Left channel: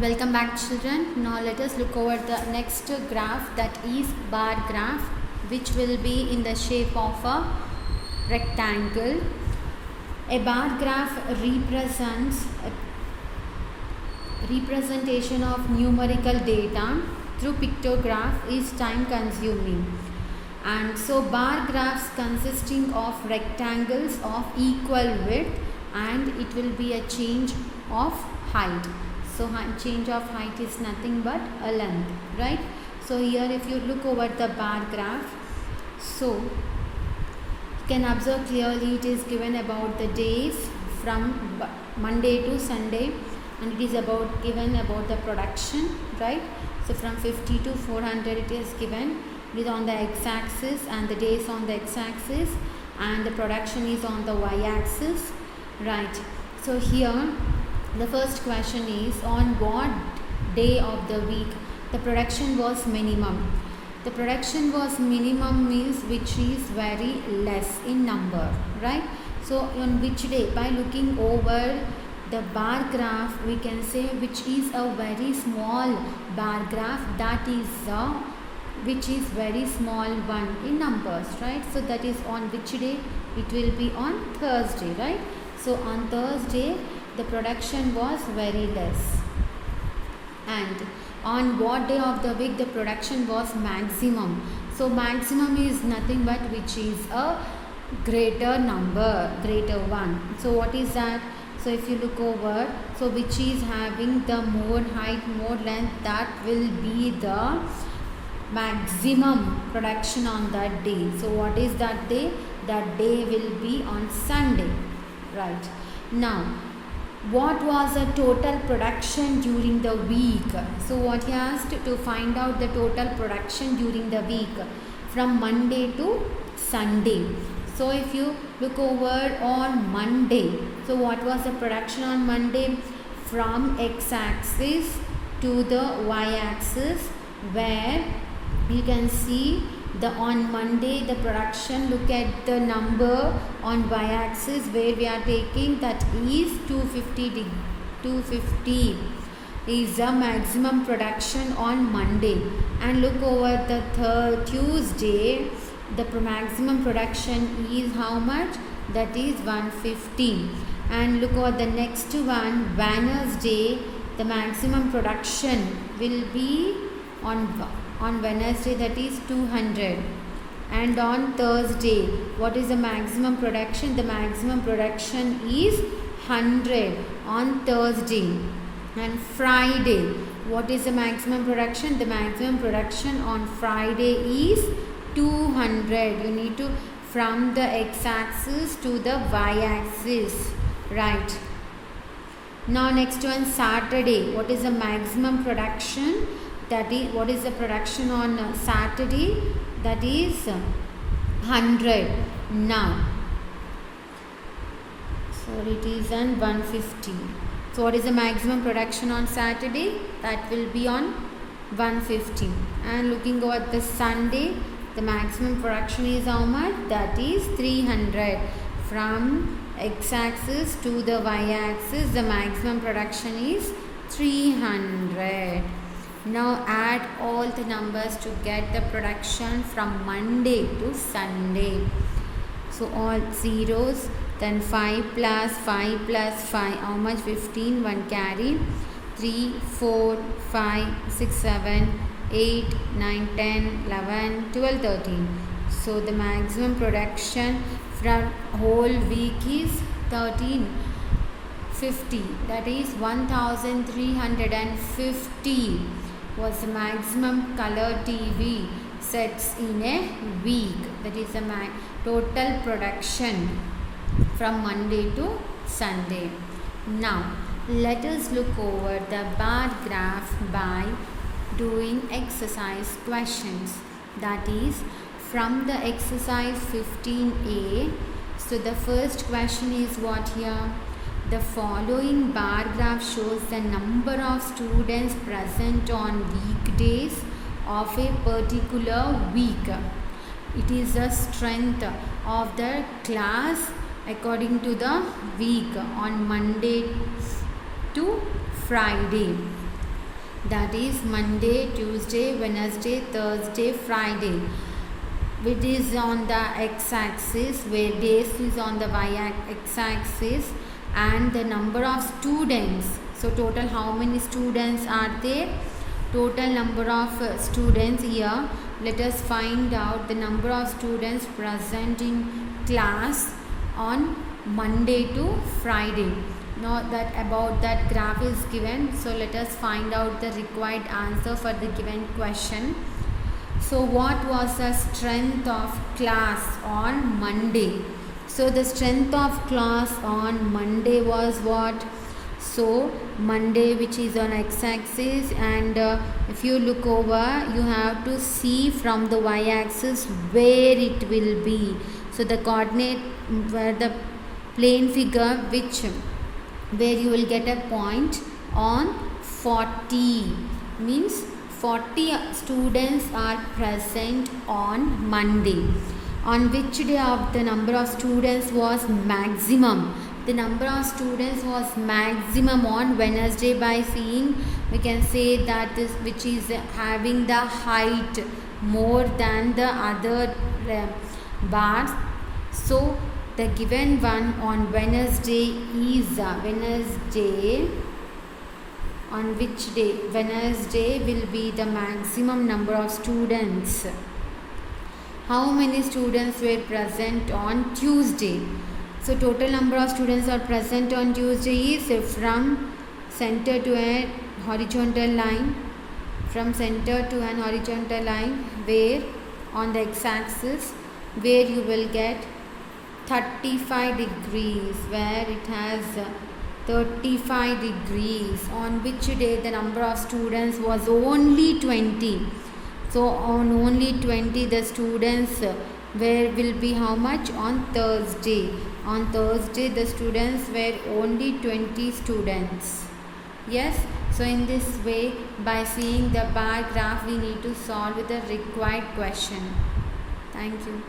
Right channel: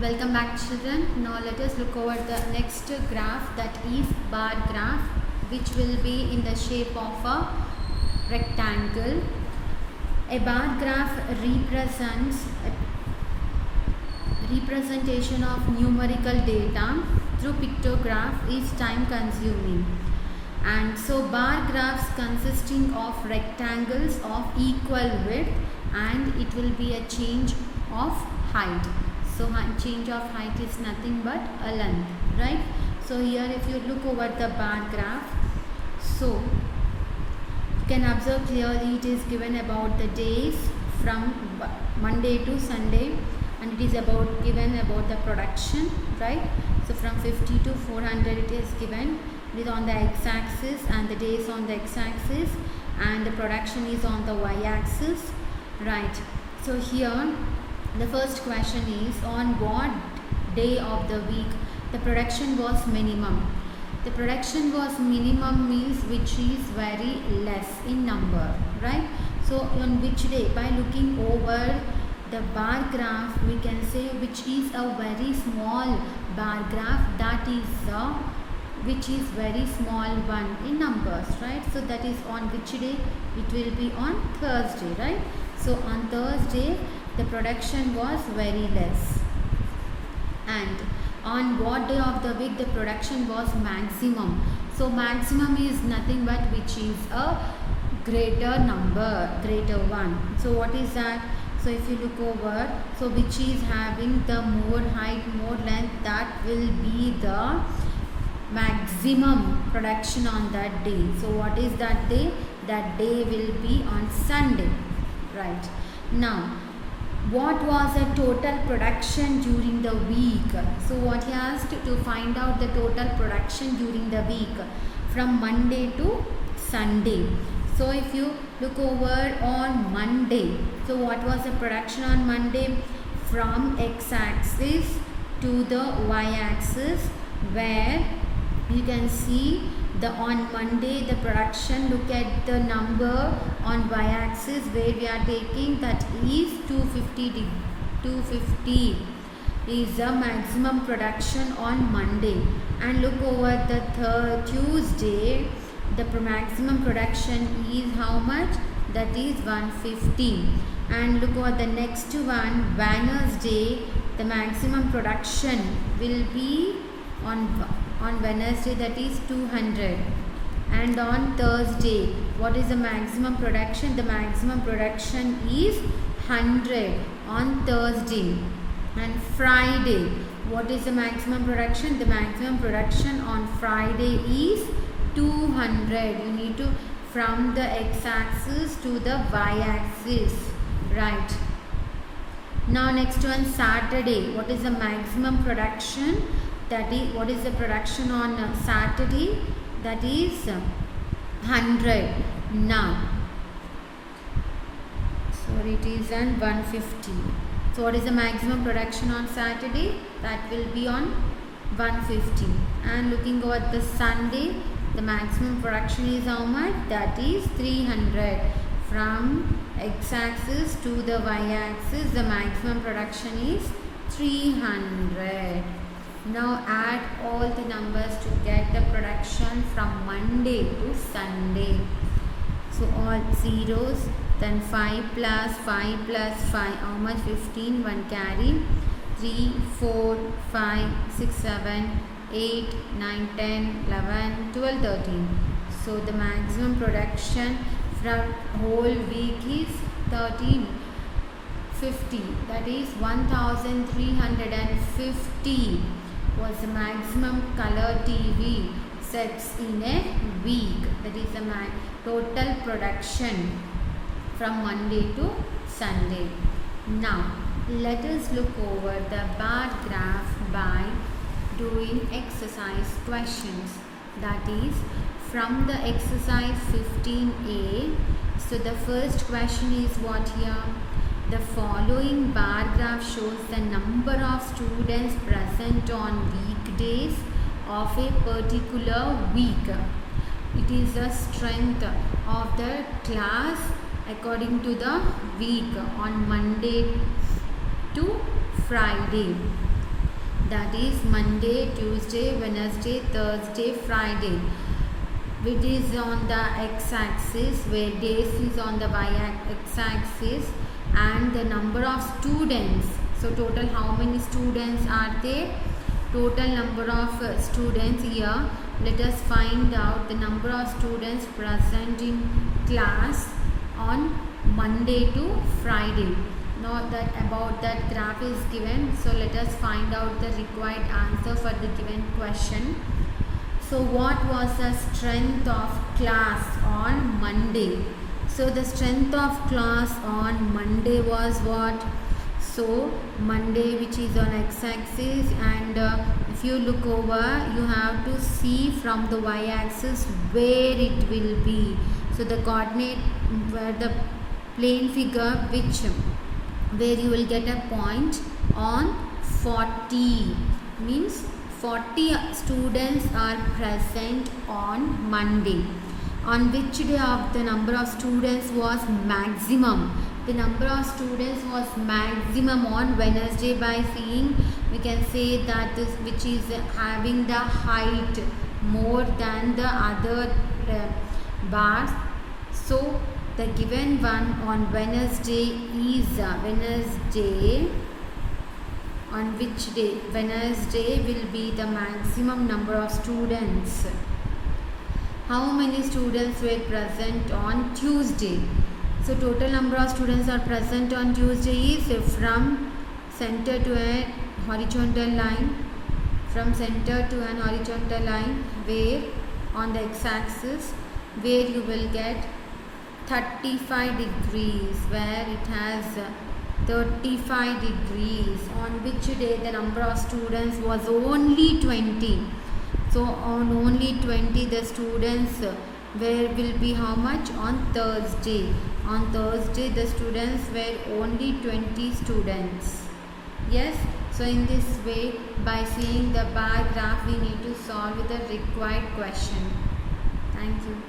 Welcome back, children. Now let us look over the next graph, that is bar graph, which will be in the shape of a rectangle. A bar graph represents a representation of numerical data through pictograph is time consuming, and so bar graphs consisting of rectangles of equal width, and it will be a change of height. So change of height is nothing but a length, right? So here if you look over the bar graph, so you can observe clearly it is given about the days from Monday to Sunday, and it is given about the production, right? So from 50 to 400 it is given. It is on the x-axis and the days on the x-axis, and the production is on the y-axis, right? So here the first question is, on what day of the week the production was minimum? The production was minimum means which is very less in number, right? So on which day? By looking over the bar graph, we can say which is a very small bar graph, that is which is very small one in numbers, right? So that is on which day? It will be on Thursday, right? So on Thursday the production was very less. And on what day of the week the production was maximum? So maximum is nothing but which is a greater number, greater one. So what is that? So if you look over, so which is having the more height, more length, that will be the maximum production on that day. So what is that day? That day will be on Sunday, right? Now what was the total production during the week? So what he asked to find out the total production during the week from Monday to Sunday. So if you look over on Monday, so what was the production on Monday? From x-axis to the y-axis, where you can see on Monday the production, look at the number on y-axis where we are taking, that is 250 is the maximum production on Monday. And look over the Tuesday, the maximum production is how much? That is 150. And look over the next one, Wednesday, the maximum production will be on Wednesday, that is 200. And on Thursday, what is the maximum production? The maximum production is 100 on Thursday. And Friday, what is the maximum production? The maximum production on Friday is 200. You need to from the x-axis to the y-axis, right? Now next one, Saturday, what is the maximum production? That is, what is the production on Saturday? That is 100. Now, so it is on 150. So what is the maximum production on Saturday? That will be on 150. And looking at the Sunday, the maximum production is how much? That is 300. From x-axis to the y-axis, the maximum production is 300. Now add all the numbers to get the production from Monday to Sunday. So all zeros, then 5 plus 5 plus 5, how much? 15, 1 carry, 3, 4, 5, 6, 7, 8, 9, 10, 11, 12, 13. So the maximum production from whole week is 1350. That is 1350 was the maximum color TV sets in a week. That is the total production from Monday to Sunday. Now let us look over the bar graph by doing exercise questions. That is from the exercise 15a. So the first question is what here? The following bar graph shows the number of students present on weekdays of a particular week. It is the strength of the class according to the week on Monday to Friday. that is Monday, Tuesday, Wednesday, Thursday, Friday. Which is on the x-axis, where days is on the y-axis, and the number of students. So total how many students are there? Total number of students here. Let us find out the number of students present in class on Monday to Friday. Now that about that graph is given, so let us find out the required answer for the given question. So what was the strength of class on Monday? So the strength of class on Monday was what? So Monday, which is on x-axis, and if you look over, you have to see from the y-axis where it will be. So the coordinate, where the plane figure, where you will get a point on 40, means 40 students are present on Monday. On which day of the number of students was maximum? The number of students was maximum on Wednesday. By seeing, we can say that this, which is having the height more than the other bars. So the given one on Wednesday is Wednesday. On which day? Wednesday will be the maximum number of students. How many students were present on Tuesday? So total number of students are present on Tuesday is from center to a horizontal line. From center to an horizontal line, where on the x-axis, where you will get 35 degrees, where it has 35 degrees. On which day the number of students was only 20. So on only 20 the students will be how much? On Thursday. On Thursday the students were only 20 students. Yes. So in this way, by seeing the bar graph, we need to solve the required question. Thank you.